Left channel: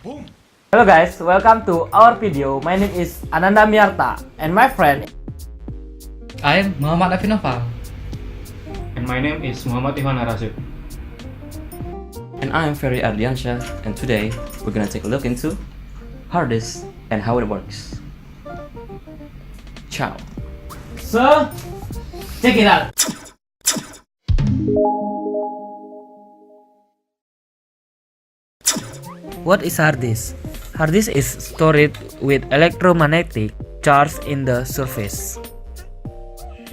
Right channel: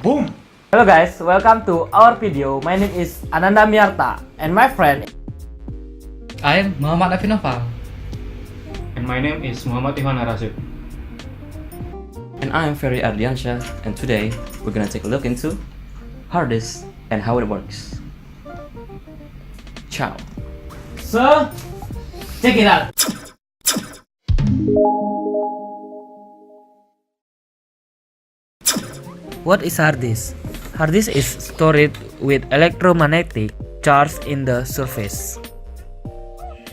Boom! Hello guys, welcome to our video. My name is Ananda Miarta and my friend I am Muhamad Nofal. And my name is Muhammad Arrasit. And I am Fery Ardiansyah, and today we're gonna take a look into Hardisk and how it works. Ciao. So, check it out. What is hard disk? Hard disk is stored with electromagnetic charge in the surface.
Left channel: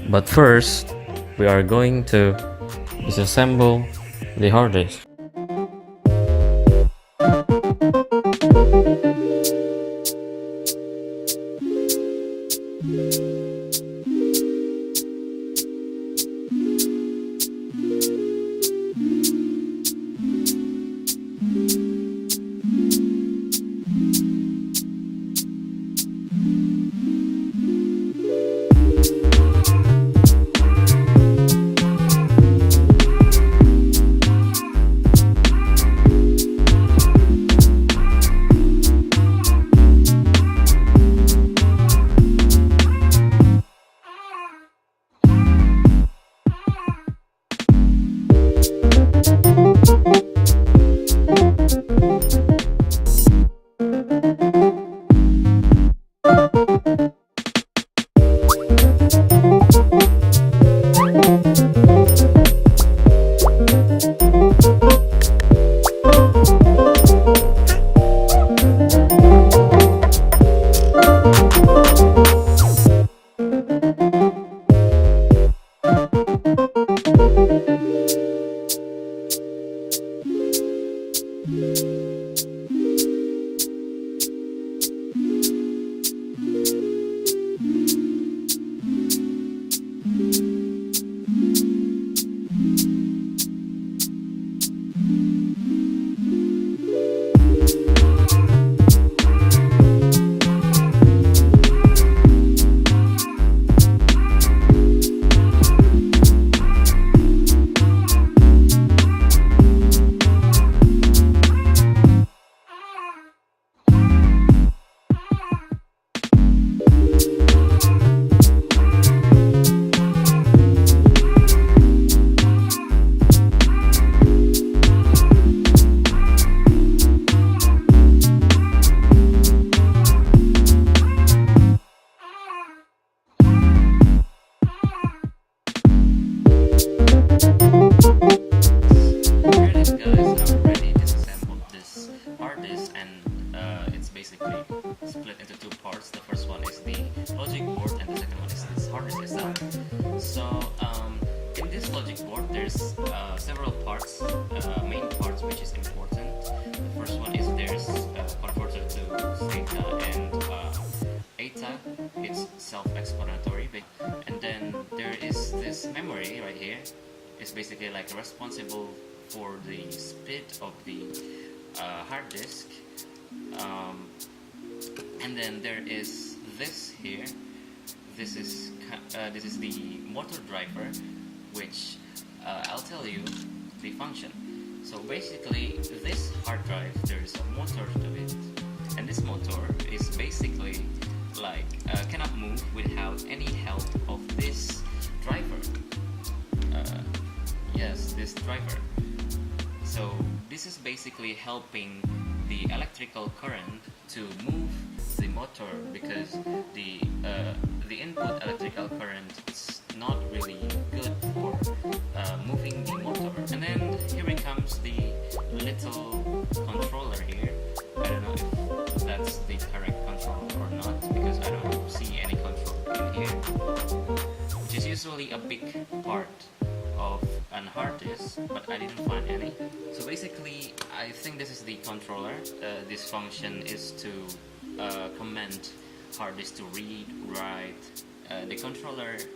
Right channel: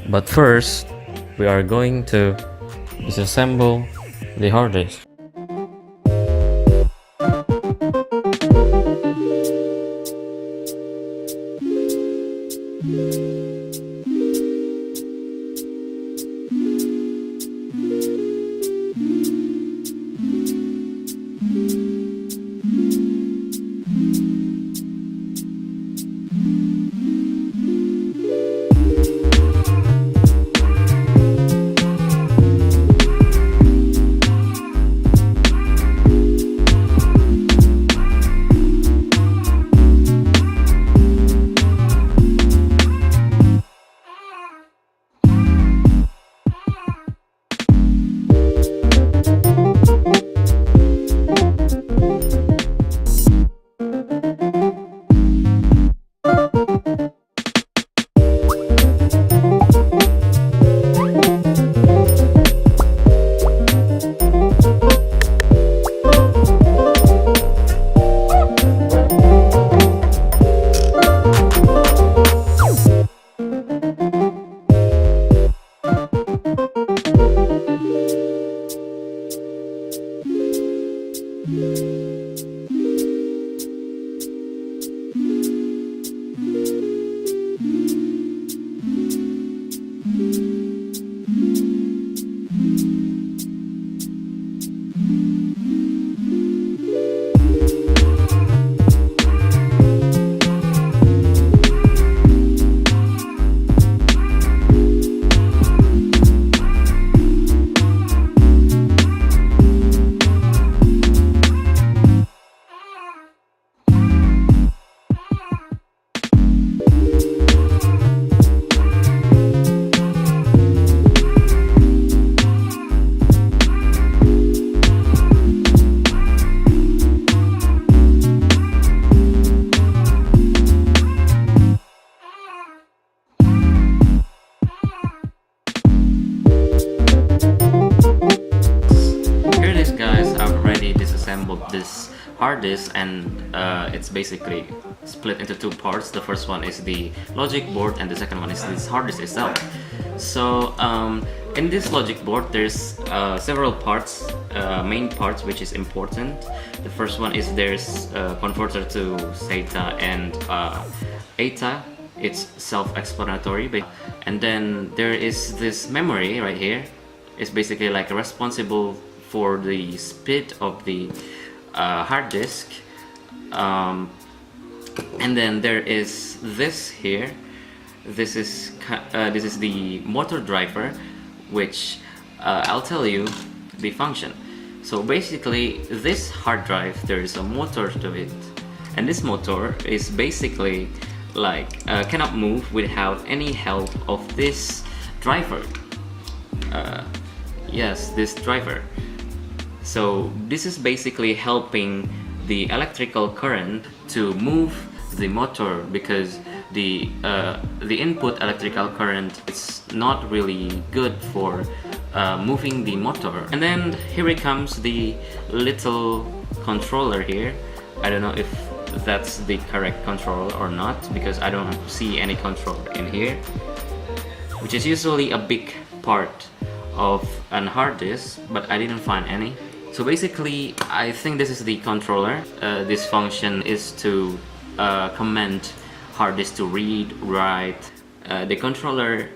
But first, we are going to disassemble the hard disk. Here it is, guys. I've already disassembled this hard disk, and it's basically split into two parts. The first one is the logic board, and the second one is this hard disk itself. So in this logic board, there's several parts, main parts, which is important. The first one is there's a converter to SATA and ATA. It's self-explanatory. And then there is this memory right here. It's basically like responsible for the speed of the hard disk. And then there is this here. This is the motor driver, which I'll tell you the function. So basically, this hard drive, there is a motor to it, and this motor is basically like cannot move without any help of this driver. Yes, this driver. So this is basically helping the electrical current to move the motor, because the input electrical current is not really good for moving the motor. And then here it comes, the little controller here. I don't know if that's the correct controller or not, because I don't see any controller in here, which is usually a big part of an hard disk, but I didn't find any. So basically, I think this is the controller. This function is to command hard disk to read, write. The controller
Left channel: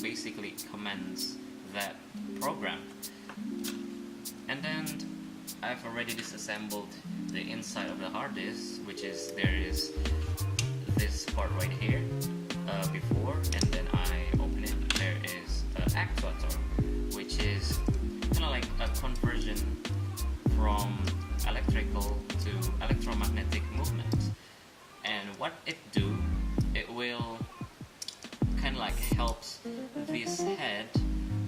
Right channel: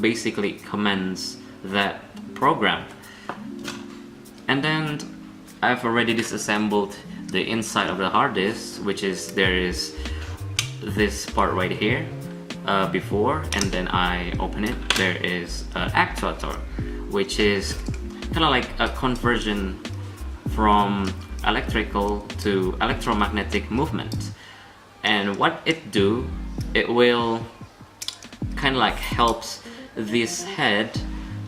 basically commands that program. And then I've already disassembled the inside of the hard disk, which is, there is this part right here before, and then I open it. There is an actuator, which is kind of like a conversion from electrical to electromagnetic movement. And what it do, it will kind of like helps this head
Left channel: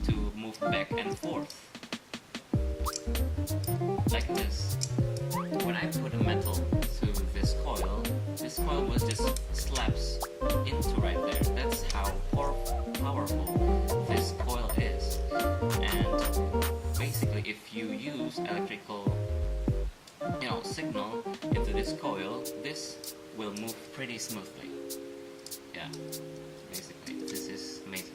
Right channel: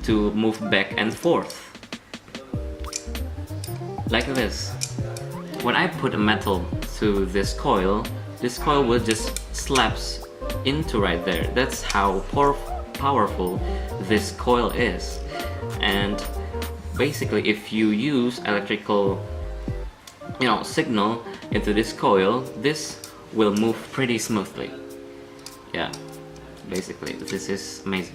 to move back and forth like this. When I put a metal to this coil will just slaps into right there. That's how powerful this coil is. And basically, if you use electrical signal into this coil, this will move pretty smoothly. Yeah, basically this is amazing.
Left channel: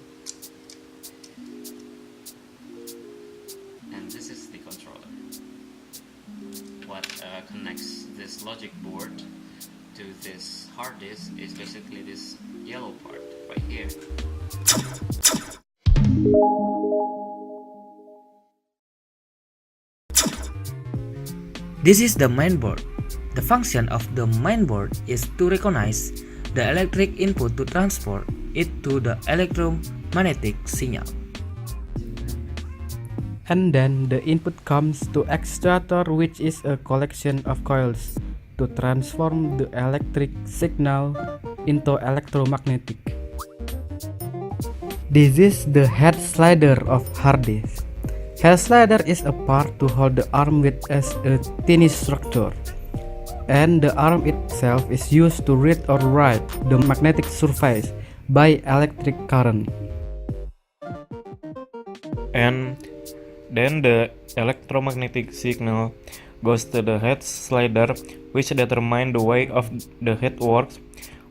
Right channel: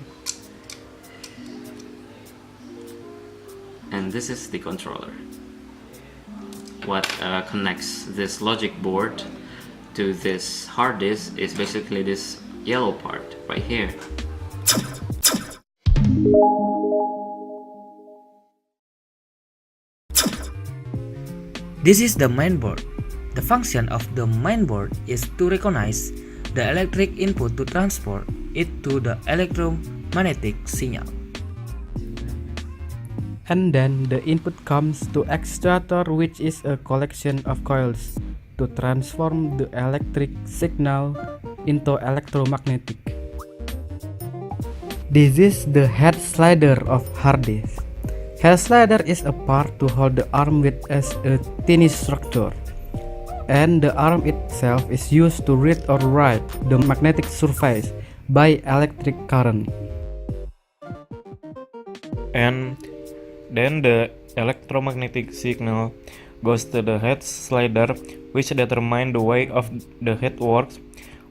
And this is the controller. What connects this logic board to this hard disk is basically this yellow part right here. This is the mainboard. The function of the mainboard is to recognize the electric input to transport it to the electromagnetic signal. And then the input comes to actuator, which is a collection of coils to transform the electric signal into electromagnetic. This is the head slider of hard disk. Head slider is a part to hold the arm with as a tiny structure, and the arm itself is used to read or write the magnetic surface by electric current. And then the electromagnetic signal goes to the head slider, which determines the way of the head works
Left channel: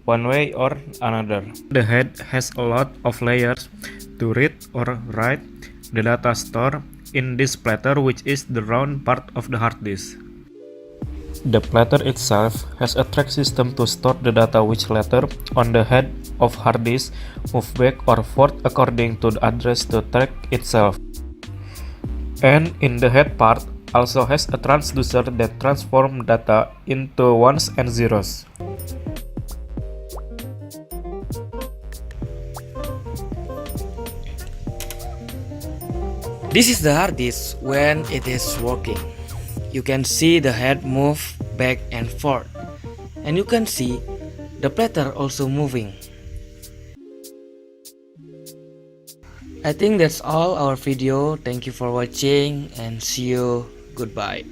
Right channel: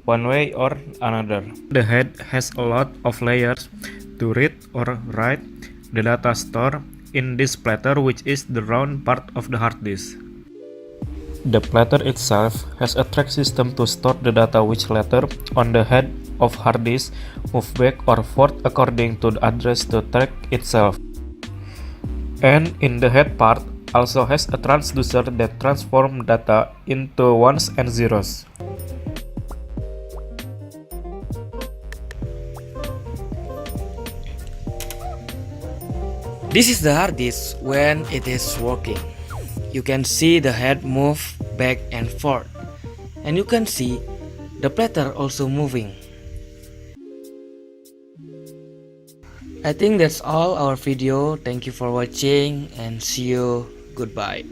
one way or another. The head has a lot of layers to read or write the data stored in this platter, which is the round part of the hard disk. The platter itself has a track system to store the data, which later on the head of hard disk move back or forth according to the address to track itself. And in the head part also has a transducer that transforms data into ones and zeros. This is the hard disk when it is working. You can see the head move back and forth, and you can see the platter also moving. I think that's all our video. Thank you for watching and see you. Goodbye.